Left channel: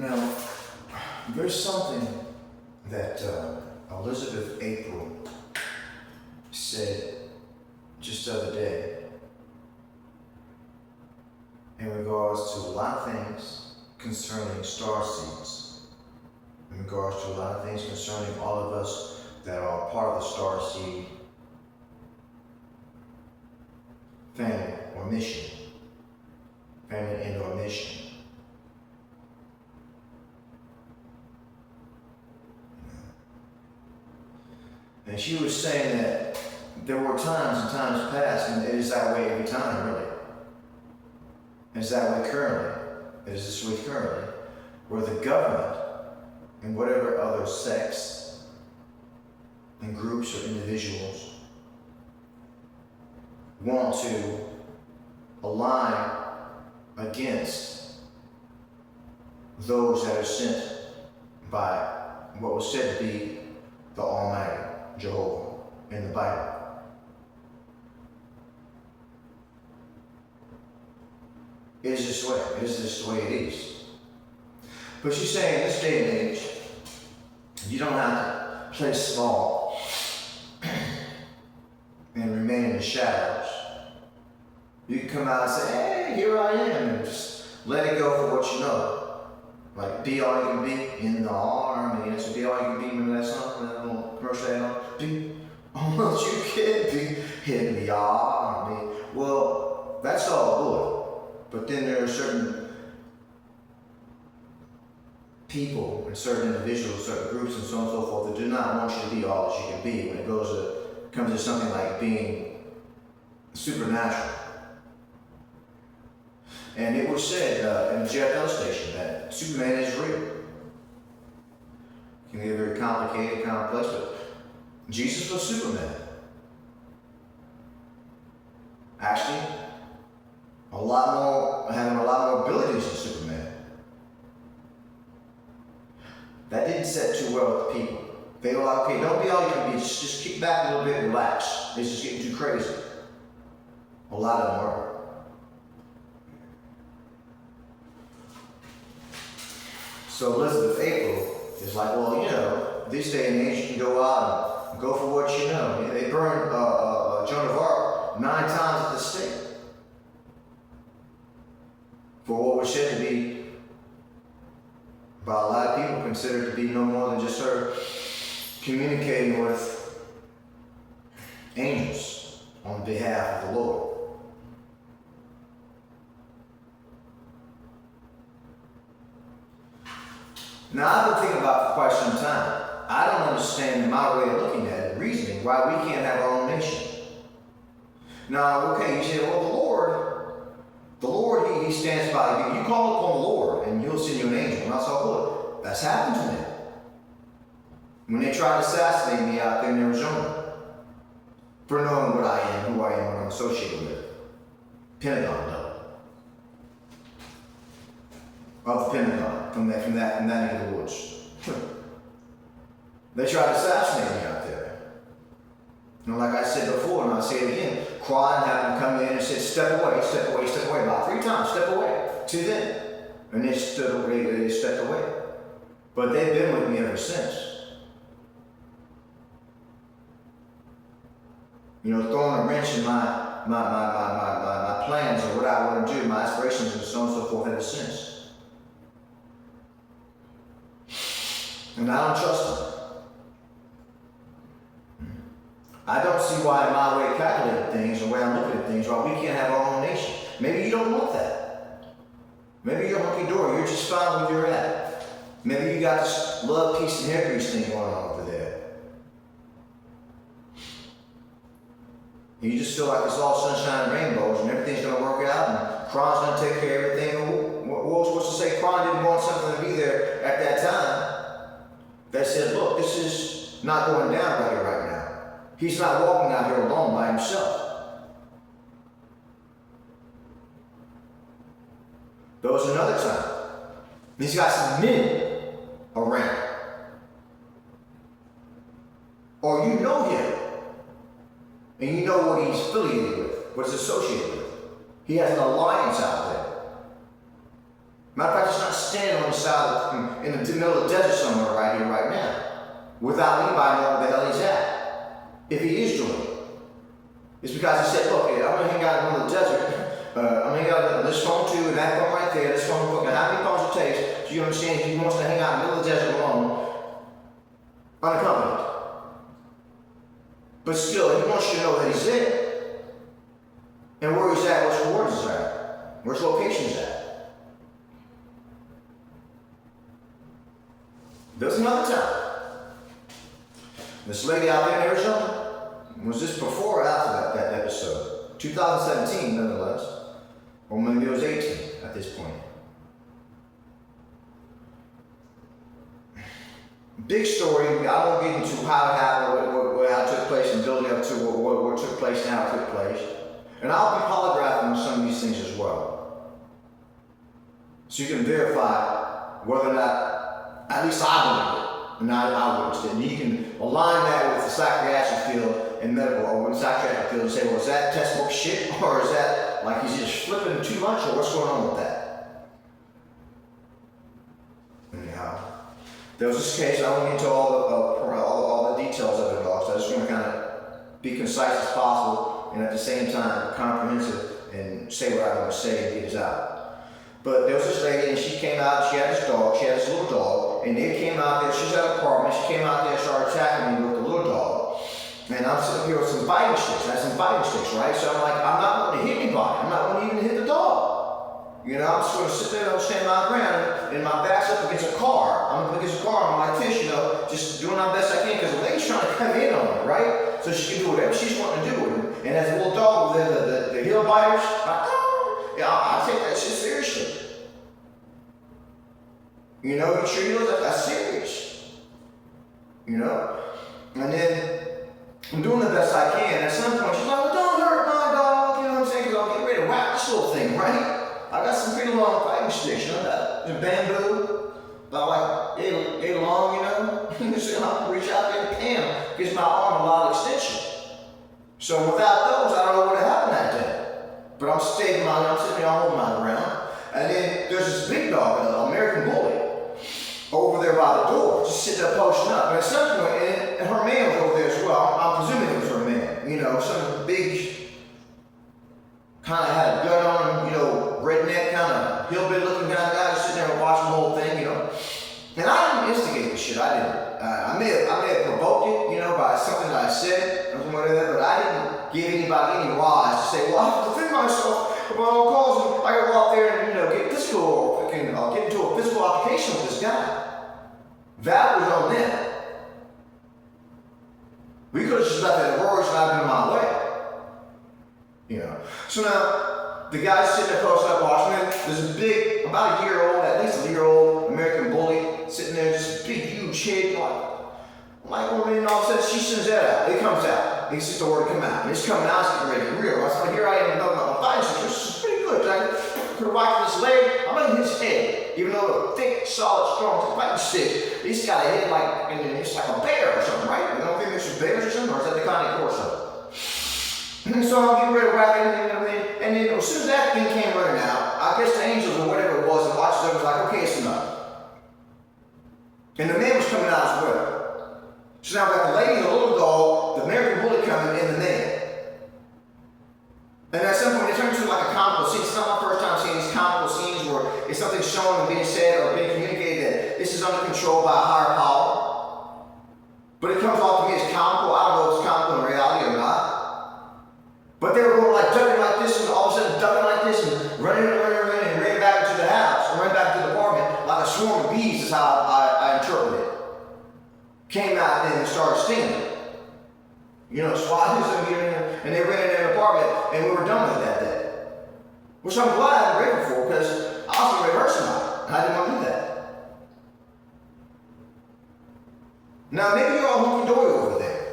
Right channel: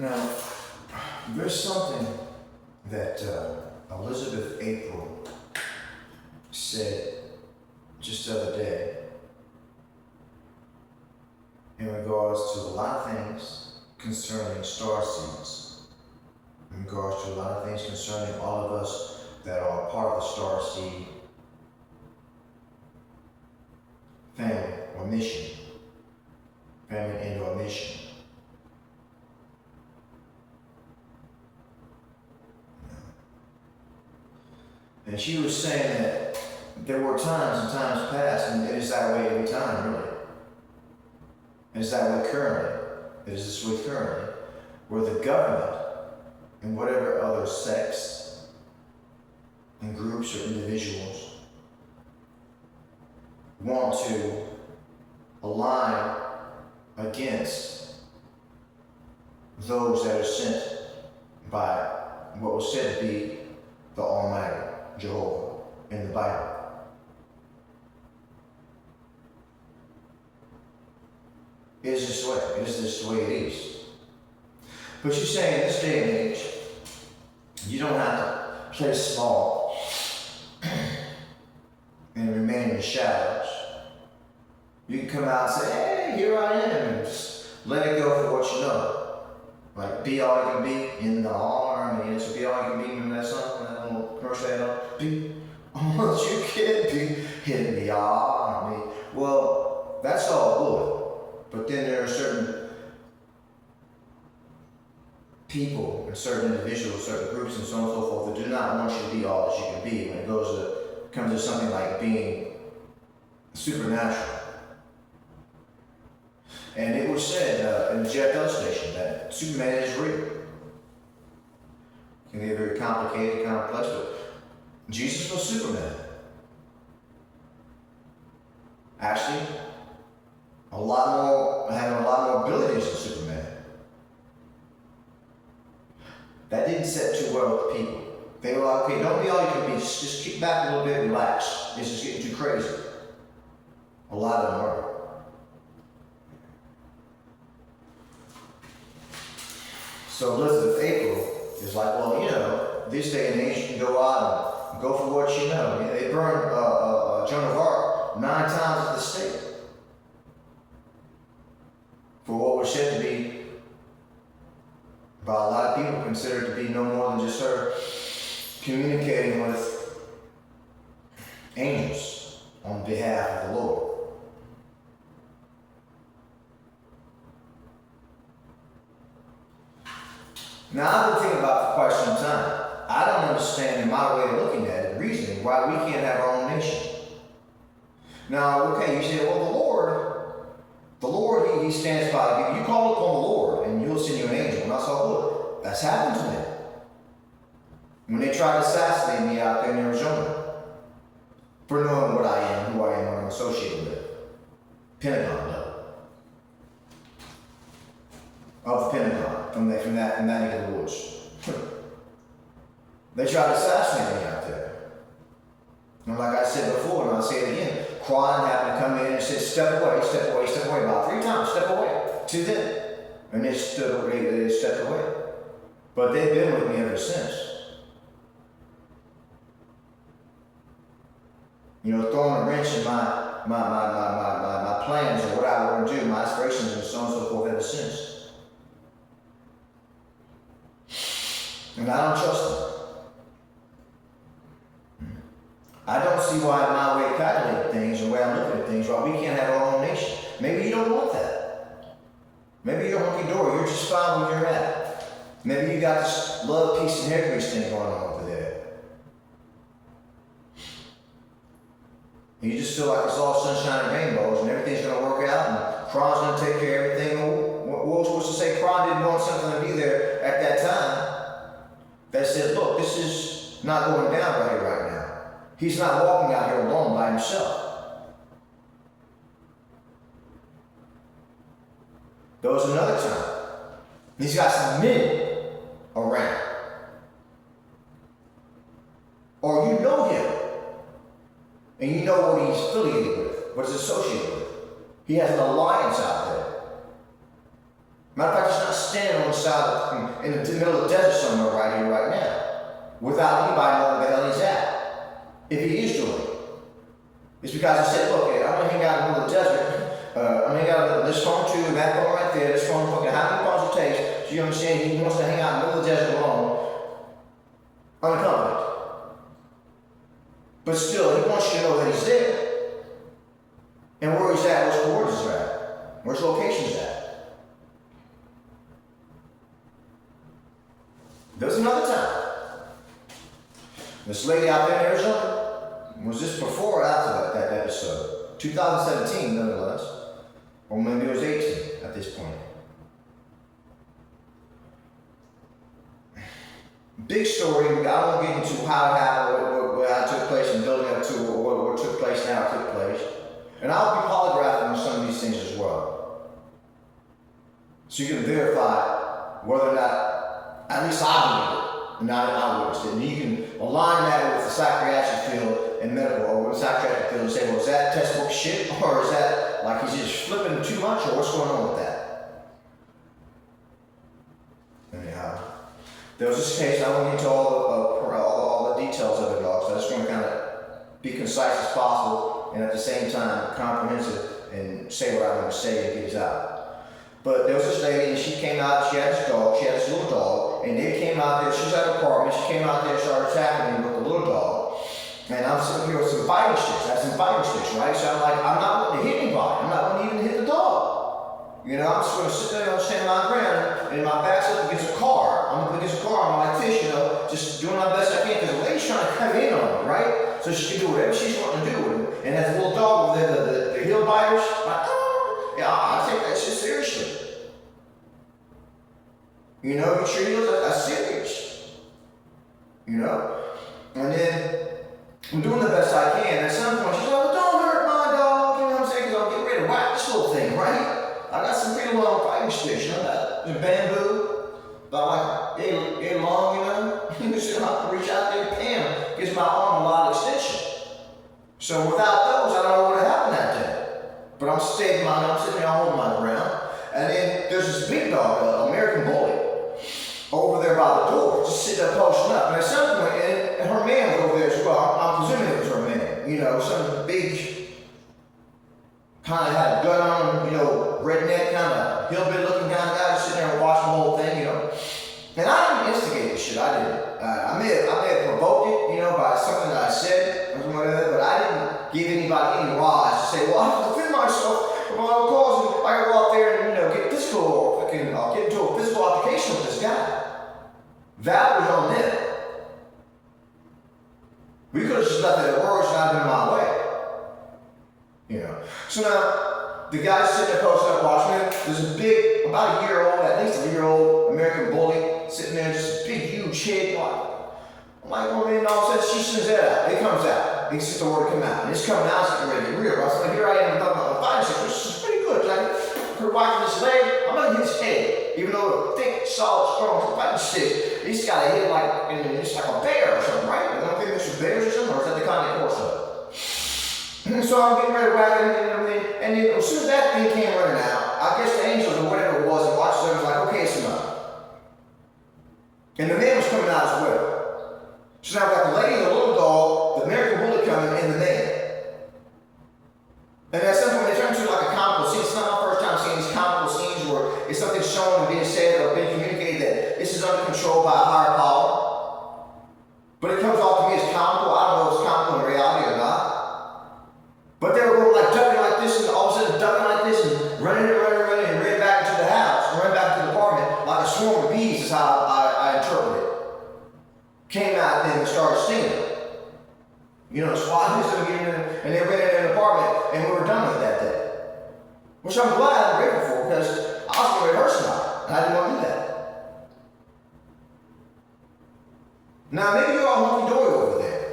Now, there's something that Elizabeth April said just the other day in regards to a lot of things concerning star seeds, in regards to a lot of things concerning all of us that are part of the star seed family or mission, family and or mission. And she was saying that there were times and times past, and it is that way every time, really. It is that way currently. It is this way currently, where the government and whatever other sects and groups or individuals want to align against those that are sent by what was said to be the Almighty, Jehovah, in the Bible. It is this way. It is this the way it is. But she's saying in this day and age, you don't have to play small and remain in the shadows. You can come out and say, hey, here I am, and just let it go for what you know. Like, be all you can be in the army. It's be all you can be. Remember that song? That little commercial they had? Be all you can be in the army. Well, that's all good. But then there are certain people and certain individuals, certain groups, and so on and so forth that do not want you to be all that you can be when it comes to something like being supernatural. And it was said in the JFL station that Superman is real. It can get very complicated, complex, but Jesus was Superman. Actually, having a lot more abilities than Superman. That didn't set too well with the people. They were like, okay, don't be all you can be, just kick back a little bit, relax. This is getting too crazy. A lot of them were. So Elizabeth April is like, well, you know, this day and age you can go out and go for what you know. They burned Joan of Arc 9 times at the stake for what was said to be, by a lot of people, considered to be no more than just her communicating with angels on behalf of the Lord. Now, I've been thinking about it for quite some time. I don't understand, in my way of looking at it, reasoning, why we can't have our own nation. Now, okay, you say, well, the Lord, he stands by. You call upon the Lord, and you'll send you an angel. And I saw, look, that's happened to me. When they tried to assassinate me out there in Arizona, for knowing what I am, who I am, what I'm associated with. Pentagon, no. Of the Pentagon, from that neck of the woods. They tried to assassinate me out there. And like I said before, and I'll say it again, crying, having to come in and say, step away, step away, step away, about 3 times, step away, to them. And they stepped away. But they've been with me ever since. You know, throwing a wrench in my plans or what I want to do, my aspirations and so on and so forth ever since. And I don't trust them. I don't see why in my way of calculating things and the way I'm looking at things, why we can't have our own nation. Maybe you don't want that. Maybe you're hunky-dory, you're just fine where you're at. Maybe you got this love, peace, and hair grease thing going on over there. You just feel like it's all sunshine and rainbows and everything's going to work out and Kron's going to take care of everything. What was supposed to say? Kron didn't want something to be there at that time that said, look, this is not going down right here right now. He's not walking out here alone by himself. There was another time. He's got some men around. Or you know him. And you know what he's affiliated with, what he's associated with. He has an alliance out there. Matter of fact, he's not standing on the in the middle of the desert somewhere right here, right now, without anybody knowing where the hell he's at. If he is doing it, it's because he said, look, I'm gonna hang out in the middle of the desert. I'm gonna hang out with this phone too, and that phone right there. This phone, fucking how many phones it takes. So you understand, he wants to hang out in the middle of the desert alone, unaccompanied. But still, he wants you to know that he's there. And where he's at, which coordinates are at, where his location's at. There was another time. This lady out there in Arizona, was this before or after that episode? 2017, nonetheless. Or maybe it was 18 at this point. Big story. I won't get into how it happened, how it took place, and building up to what took place now took place. And I'll be polygraphing some of these things as well. So you can verify whether or not, at least I believe it, and not I witnessed it. And you can align that with the psychiatric field and medical, or the psychiatric field and say, well, is that textbook shit? Or is that like he's just flipping too much? Or what's going on with that? Anyhow, there was this case, I won't get into all the details of it all, so I just want to kind of be concise as possible. And at the same time, comprehensive and say what I want to say and get it out. But there was this lady, and she came out, she had this dog, she had this little dog, and they came out there, she was at an apartment, she came out there and started attacking me with the little dog. And I'm sitting here with some fighting sticks, I had some fighting sticks, right? So I'm like, I'm not going to hit anybody, I'm not going to even hit the dog. You know, I'm just going to sit there and stand my ground, and my back's up against a car. I'm up against a car, I'm like fish, you know, just doing my best I can, because the lady's trying to come in on me, right? So she can do whatever she's wanting to do with it. And that little dog over there, the heel biters, I take that shit seriously. You know, you sure you know that's serious. You know? And then I'm doing the best I can. At some point, she's like, well, don't hurt my dog. You know what I'm saying? Because I'll get ready to whack this little thing, right? I got some pretty long fighting sticks, you know, that bamboo, about like 8 long, you know? You see, I reach out there and bam, gives my arm a lot of extension. So without those, I don't know what would have happened that day. But I'm sitting there, I'm holding my ground. And then there's this big dog, an American bully, over there by the door, just sitting there posting up. And at some point, and her man was over there as well. I'm presuming it was her man. You know, some big, kind of had a gun on him, you know, redneck, kind of hillbilly looking kind of guy, sitting there watching the whole thing, you know. And I didn't instigate this shit, I didn't. I may have provoked it, you know, by something that I said, or whatever, but I didn't give anybody any rise to say, well, I have to defend myself, well, causing, I gotta go out there and, you know, get physical, or fucking, get into a physical altercation with this guy. That was on them. We could have just left it at words and not been in my way. You know. So now, the guy's sitting there posted up watching it. There's a big, about a year old, at least a year-old American bully sitting there, just a big, huge head, like, well, then all of a sudden she sends that out. It comes out. He sends the word to come out. And it's coming out, it's getting ready to rear. So here I am, I'm fighting something, which is pretty good. I put whacking this leg, I'm gonna hit his head. Even though the thick, solid, strong fighting stick, he's got a head like, and it's like a bear or something, right? I don't think it's bears or something, or is that the kind of course of? So I'm getting ready to whack it, and then as soon as that thing came running out, I guess the angels or whatever it was and watched it was like, okay, it's enough. And the man was coming out as well. So now I've got the lady, the little dog, the American bully coming, and the man. And at some point they turn into like a comical scene. It's not my first time seeing these comical scenes where it's something shown and being said or being communicated that this is under control by a higher power. But it comes off to me as comical. I don't know if it's comical in reality or not. But they were going like ducking like this, and all of a sudden ducking like this, and running, and ran back into the house, ran back to the apartment like a swarm of bees is how I interpret it. Came out and started stinging. You know, swatting them, and they ran in an apartment, and we were done with that day. Which I'm glad and grateful for, because I was going to hurt somebody, and I didn't want to do that. Now, maybe you're all hunky-dory over there.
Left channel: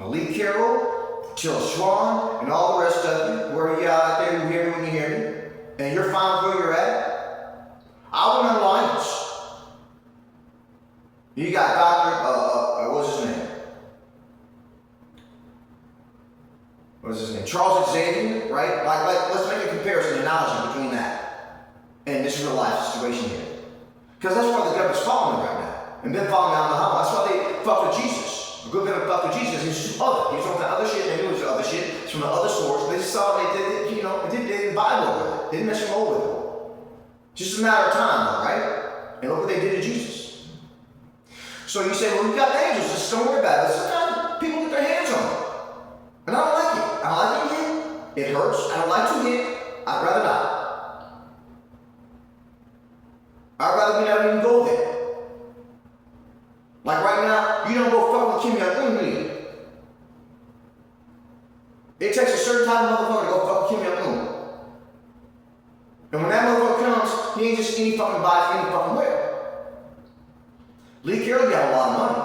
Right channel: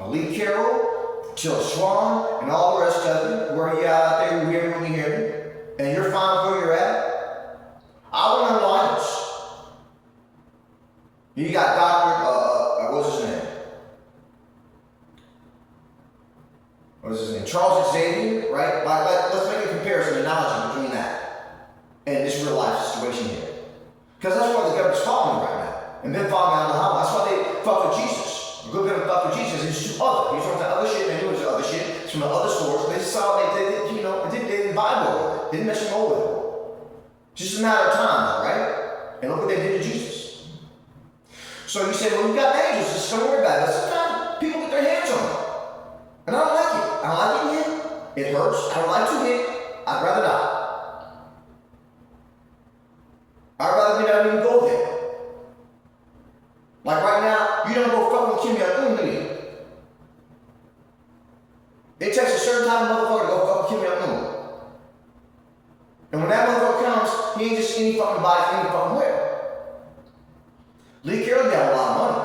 Lee Carroll, Till Swan, and all the rest of you, where you out there, you hear me when you hear me, and you're fine where you're at. I want to alliance. You got Dr. What's his name? Charles Xavier, right? Like, let's make a comparison, analogy between that and this real life situation here. and been following out Muhammad. That's why they fuck with Jesus. A good bit of fuck with Jesus. He's too other. He's on the other shit, and they knew it was other shit. It's from the other source. They saw they didn't vibe with it. They didn't mess them over with it. Just a matter of time, though, right? And look what they did to Jesus. So you say, well, we got angels. Just don't worry about it. Sometimes people get their hands on it. And I don't like it. I don't like getting hit. It hurts. I don't like to hit. I'd rather not. I'd rather we not even go there. Like right now, you don't go fuck with Kim Jong-un. It takes a certain type of motherfucker to go fuck with Kim Jong-un. And when that motherfucker comes, he ain't just any fucking body, any fucking where. Lee Carroll got a lot of money.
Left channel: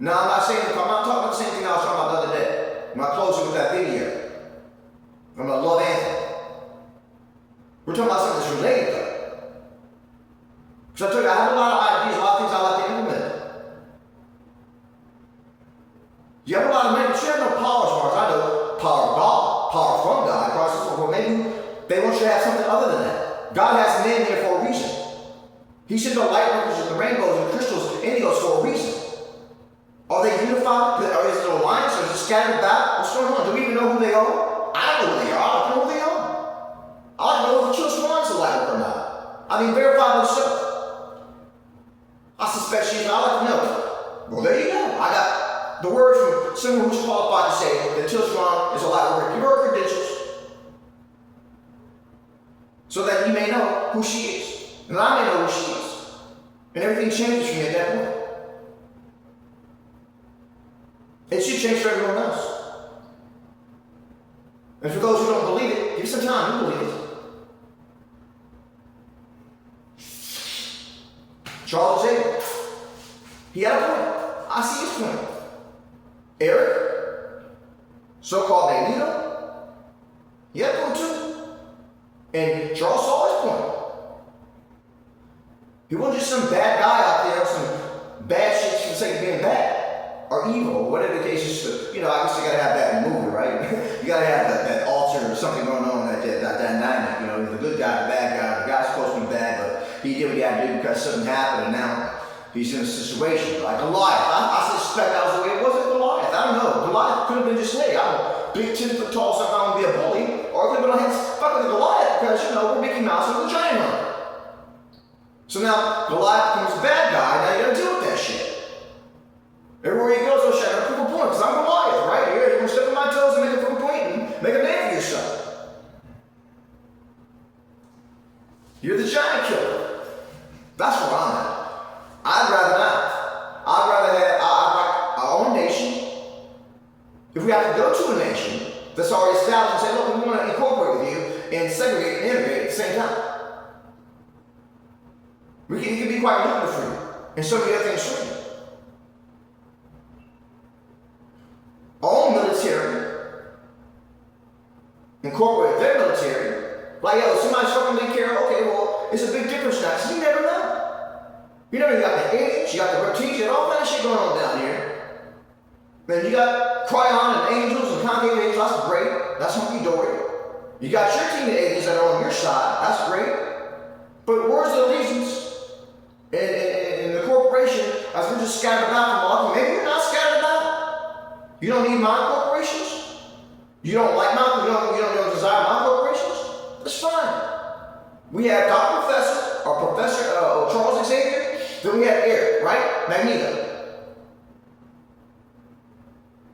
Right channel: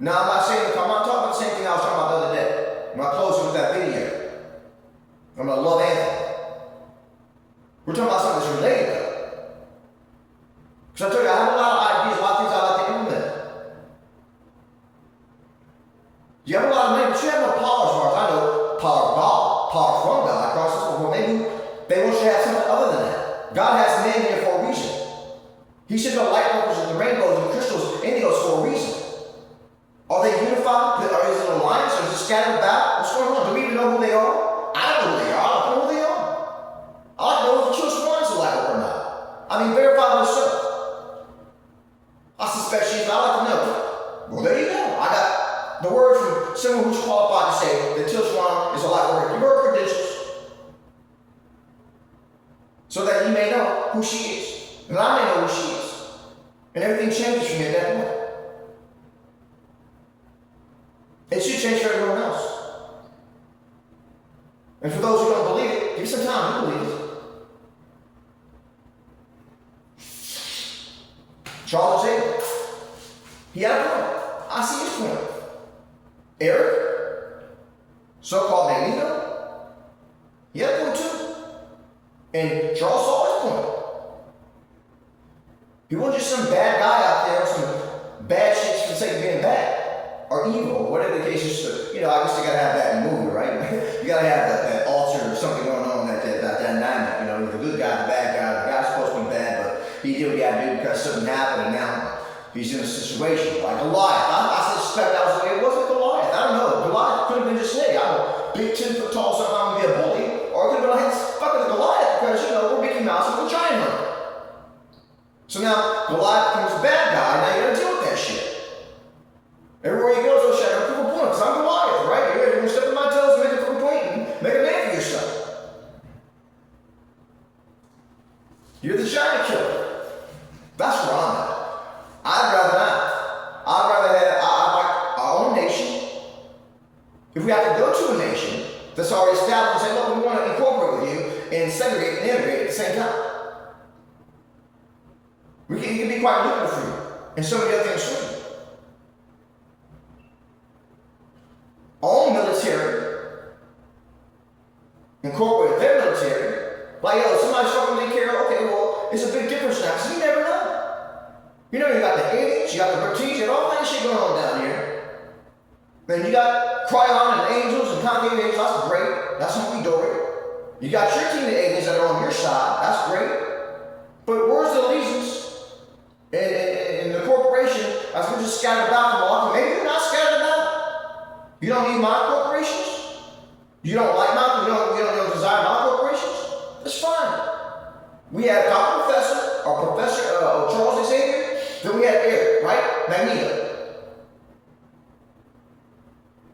Now, I'm not talking about the same thing I was talking about the other day. When I closed with that video. I'm gonna love Anthony. We're talking about something that's related though. Because I told you, I have a lot of ideas, a lot of things I like to implement. You have a lot of money, but you have no power as far as I know. Power of God, power from God. Across the world. Maybe they want you to have something other than that. God has an end there for a reason. He sent the light workers and the rainbows and the crystals, indigos for a reason. Are they unified? Are they an alliance? Are they scattered about? What's going on? Do we even know who they are? I don't know who they are. I don't know who they are. I like to know if the Kill Swan's a light worker or not. I mean, verify myself. I suspect she's not. I like to know. Well, there you go. I got the word from someone who's qualified to say that Till Swan is a light worker. Give her credentials so that you may know who she is. And I may know who she is. And everything changes from here at that point. It should change for everyone else. And for those who don't believe it, give it some time, you believe it. Charles Xavier. He had a point. I see his point. Eric, so-called Magneto, he had a point too. And Charles saw his point. He wasn't just some bad guy out there, some bad shit for the sake of being bad. Or evil, or whatever the case is. I guess you gotta have that in the movie, right? You gotta have that alter or something going on, that dynamic. The good guy, the bad guy. The guy's supposed to be bad, but he did what he had to do because something happened, and now he's in a situation like Goliath. I suspect that was the way it wasn't Goliath. I don't know. Goliath could have been just, hey, I'm a big 10 foot tall, so I'm gonna be a bully, or it could have been like, fuck with Goliath because we're Mickey Mouse and we're giant hunter. So now Goliath becomes a bad guy. Now you gotta deal with that shit. Everywhere he goes, he'll shout, prove a point, because I'm Goliath, right? You're going to step on my toes and make a proof point and make a name for yourself. You're the giant killer. That's where I'm at. I'd rather not. I'd rather have our own nation. If we have to go to a nation that's already established and say, look, we want to incorporate with you and segregate and integrate at the same time. It can be quite lucrative for you. And so many other things for you. Our own military, incorporate their military, like, somebody's fucking Lee Carroll, okay, well, it's a big difference now, because you never know. You got the aliens, you got the routines, you got all kind of shit going on down here. Then you got Cryon and angels and concave angels, that's great, that's hunky-dory. You got your team of aliens that are on your side, that's great. But where's the allegiance in the corporation as we're just scattered about from all? Maybe you're not scattered about. You don't need my corporations? You don't like my, you don't desire my corporations? That's fine. We had Dr. Professor, or Professor Charles Xavier, then we had Eric, right? Magneto.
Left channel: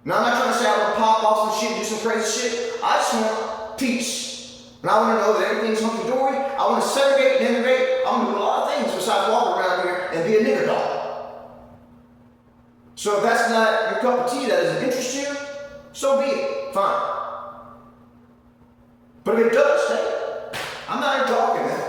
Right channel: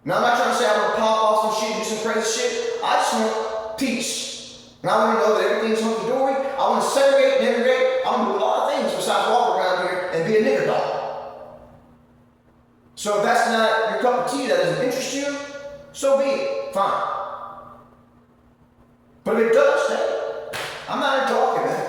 Now I'm not trying to say I want to pop off some shit, do some crazy shit. I just want peace. And I want to know that everything's hunky-dory. I want to segregate and integrate. I want to do a lot of things besides walk around here and be a nigger dog. So if that's not your cup of tea, that doesn't interest you, so be it. Fine. But if it does, hey, I'm not here talking, man.